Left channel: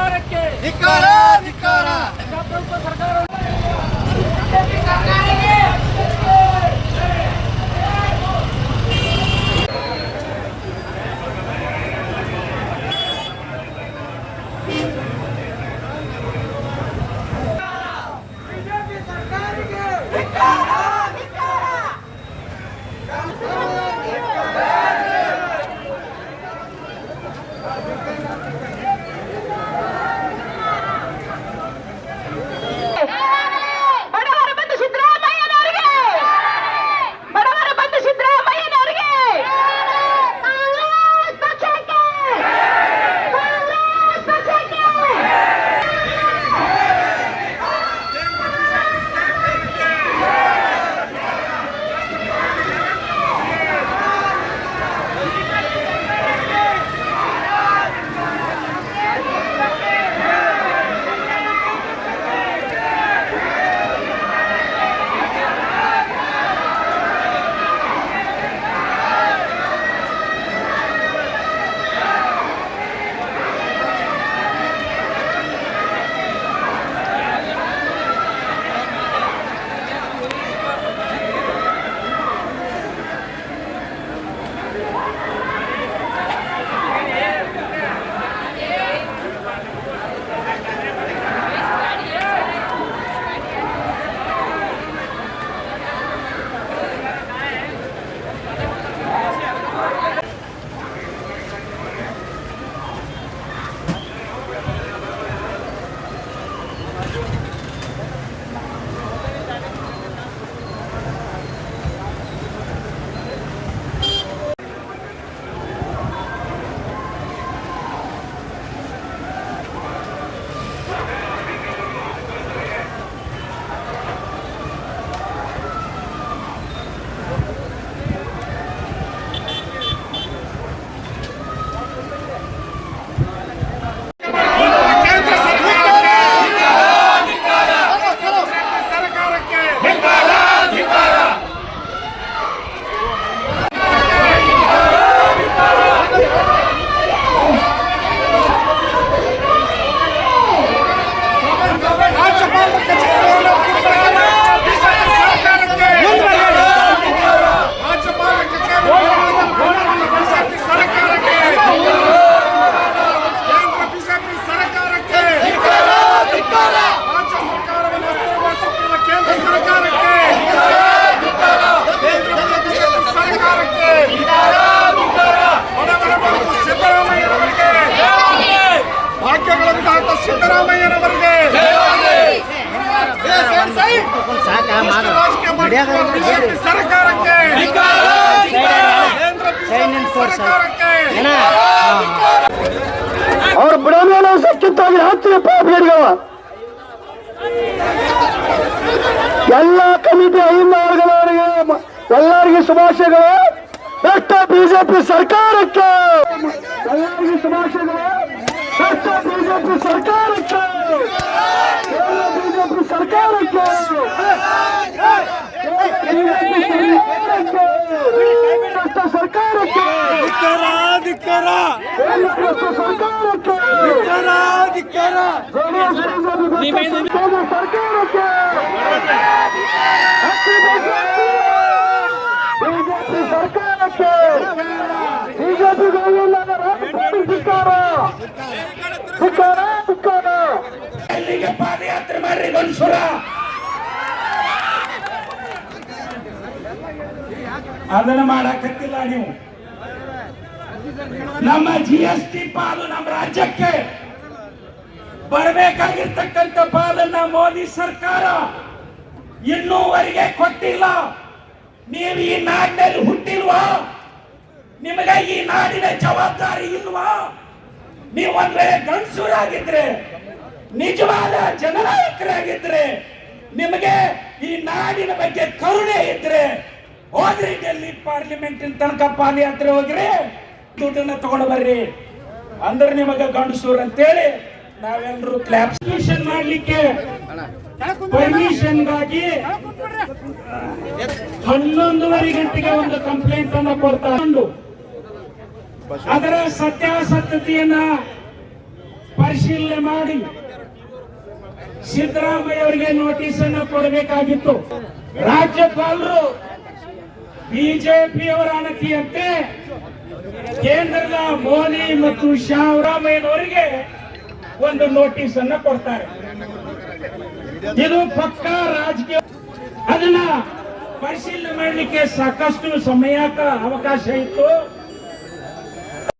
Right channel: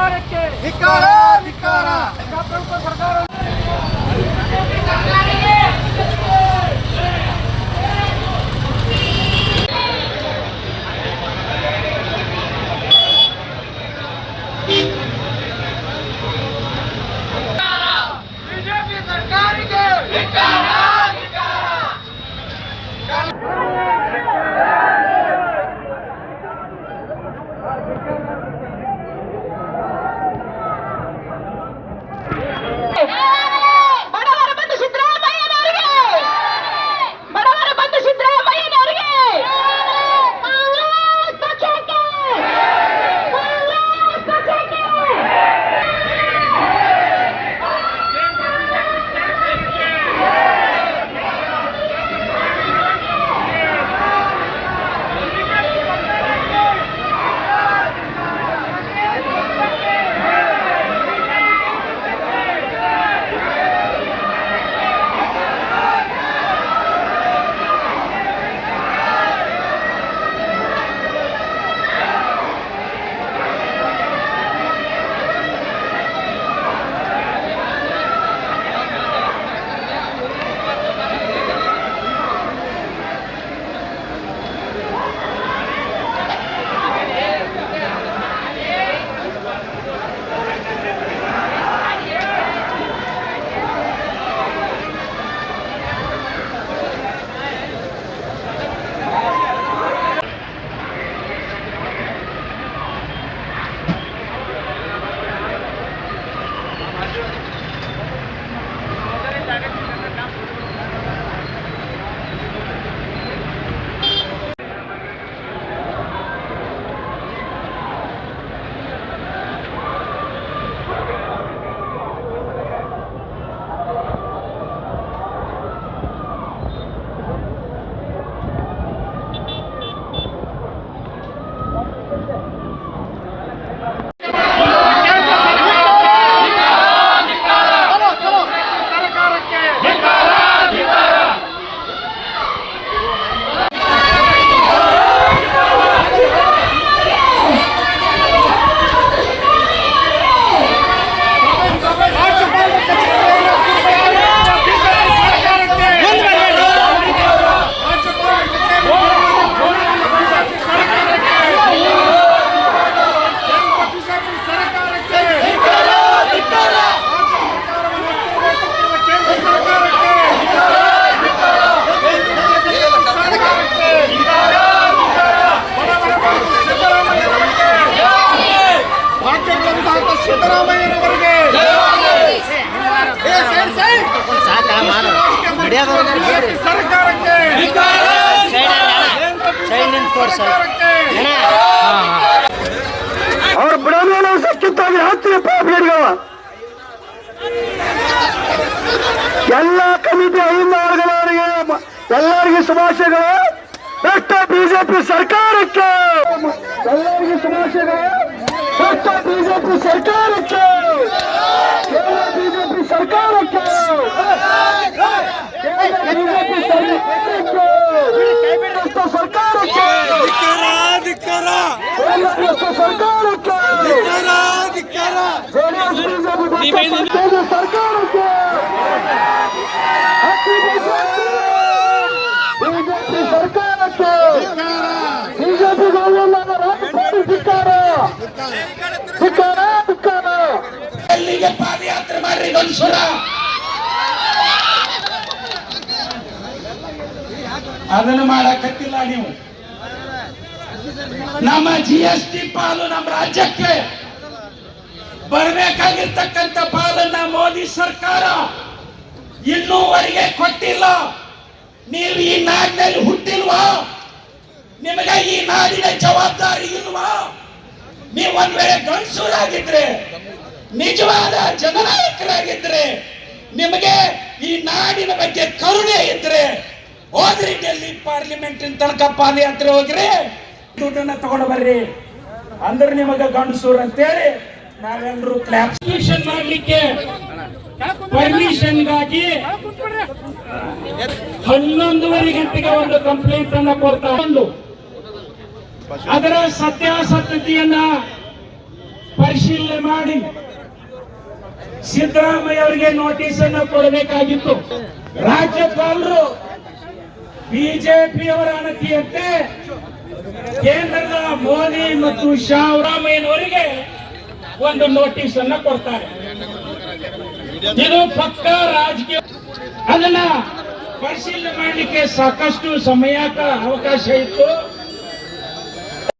ಸರ್ಕಾರಕ್ಕೆ ಧಿಕ್ಕಾರ ಧಿಕ್ಕಾರ. ಪ್ರಜಾಪ್ರಭುತ್ವ ಸರ್ಕಾರ ಬಿಜೆಪಿ ಸರ್ಕಾರಕ್ಕೆ ಬಡವರ ಬಂಧು ಸಿದ್ದರಾಮಯ್ಯನವರಿಗೆ, ಬಡವರ ಬಂಧು ಸಿದ್ದರಾಮಯ್ಯನವರಿಗೆ, ಕಾಂಗ್ರೆಸ್ ಪಕ್ಷಕ್ಕೆ, ಕಾಂಗ್ರೆಸ್ ಪಕ್ಷಕ್ಕೆ. ಸಿದ್ದರಾಮಯ್ಯನವರಿಗೆ ಬಿಜೆಪಿ ಸರ್ಕಾರಕ್ಕೆ ಅವ್ರ ಬಿಡೋದು ಸಕ್ಕಿತ್ತಾಗಿ ಹತ್ತು ಪಾಪಿಗವ ಎಲ್ಲ ಕಮಿಟಿ ಐದು ವರ್ಗದವರಿಗೆ ಎಲ್ಲರಿಗೂ ಶುಭಾಶಯಗಳು. ಬೆಸ್ಟ್ ಬಿಜೆಪಿ ಸರ್ಕಾರಕ್ಕೆ ಎಲ್ಲರಿಗೂ ಶುಭಾಶಯಗಳು. ಬೆಸ್ಟ್ ಬಿಜೆಪಿ ಸರ್ಕಾರಕ್ಕೆ, ಬಿಜೆಪಿ ಸರ್ಕಾರಕ್ಕೆ, ಸರ್ಕಾರಕ್ಕೆ ಸರ್ಕಾರಕ್ಕೆ ಬಿಜೆಪಿ ಎಲ್ಲಿಗೆ ಪಾದಯಾತ್ರೆ ಮಾಡಿ ಗಂಡಸರ ಅದನ್ನು ಮಾಡಕತ್ತಿಲ್ಲ. ನೀವು ನಮ್ಮ GST ಪಾಲು ನಮ್ಮ ರಾಜ್ಯಕ್ಕೆ ಬರಬೇಕಾಗಿರ್ತಕ್ಕಂಥ ಪಾಲನ್ನ ಮೋದಿ ಸರ್ಕಾರ ಇನ್ನೂವರೆಗೆ ಕೊಟ್ಟಿಲ್ಲ. ನೀವು ಈ ನಾಡಿನಲ್ಲಿ ಹುಟ್ಟಿಲ್ವಾ? ನಿಮಗೆ ಈ ನಾಡಿನ ಜವಾಬ್ದಾರಿ ಇಲ್ವಾ? ನೀವು ಒಂದ್ ವೇಳೆ ಗಂಡಸರಾಗಿದ್ರೆ, ನಿಜವಾದ ಜನನಾಯಕರಾಗಿದ್ರೆ, ನಿಮಗೆ ಈ ನಾಡಿನ ಬಗ್ಗೆ ಕರುಣೆ ಇದ್ರೆ ಹೋಗ್ರಿ ಡೆಲ್ಲಿ ಪಾರ್ಲಿಮೆಂಟ್ ತನಕ ಪಾದಯಾತ್ರೆ ಹೋಗ್ರಿ, ದುಡ್ಡನ್ನ ತಗೊಂಡು ಬರ್ರಿ. ಅಂದ್ರೆ ನಿಮಗೆ ಗಂಡಸೂರ್ ಅಂತೇಳಿ ನಾವೆಲ್ಲರೂ ಕ್ಲಾಪ್ಸೇಷನ್ ಮಾಡ್ಲಿಕ್ಕೆ ಪರ್ಮಿಷನ್ಗಾಗಿ 11:30 ಗಂಟೆಗೆ ಒಂದು ಕಂಪ್ಲೇಂಟ್ ಅನ್ನ ಕೊಡ್ತಾ ಬಂದು ಅದರ ಸತ್ಯಾಸತ್ಯತೆಯನ್ನ ಪರಿಶೀಲನೆ ಮಾಡಿ ಸಿದ್ದರಾಮಯ್ಯ ಅವರಿಗೆ ನೋಟಿಸ್ ಅನ್ನು ಕೊಡಬೇಕಾಗಿತ್ತು. ರಾಜ್ಯಪಾಲರು ಬಿಜೆಪಿಯವರ ಅನತಿಯಂತೆ ಕೇಂದ್ರದ ಮೋದಿ ಮತ್ತು ಶಾ ಸಿದ್ದರಾಮಯ್ಯನವರಿಗೆ ಒಂದು ನೋಟಿಸ್ ಅನ್ನು ಕೊಡ್ತಾರೆ. ಇದು ಪಕ್ಕ ರಾಜಕೀಯ. ಅದನ್ನ ಪರಿಶೀಲನೆ ಮಾಡಲಿಕ್ಕೆ ಸಾಕಷ್ಟು ಸಮಯ ಅವಕಾಶ ಇತ್ತು.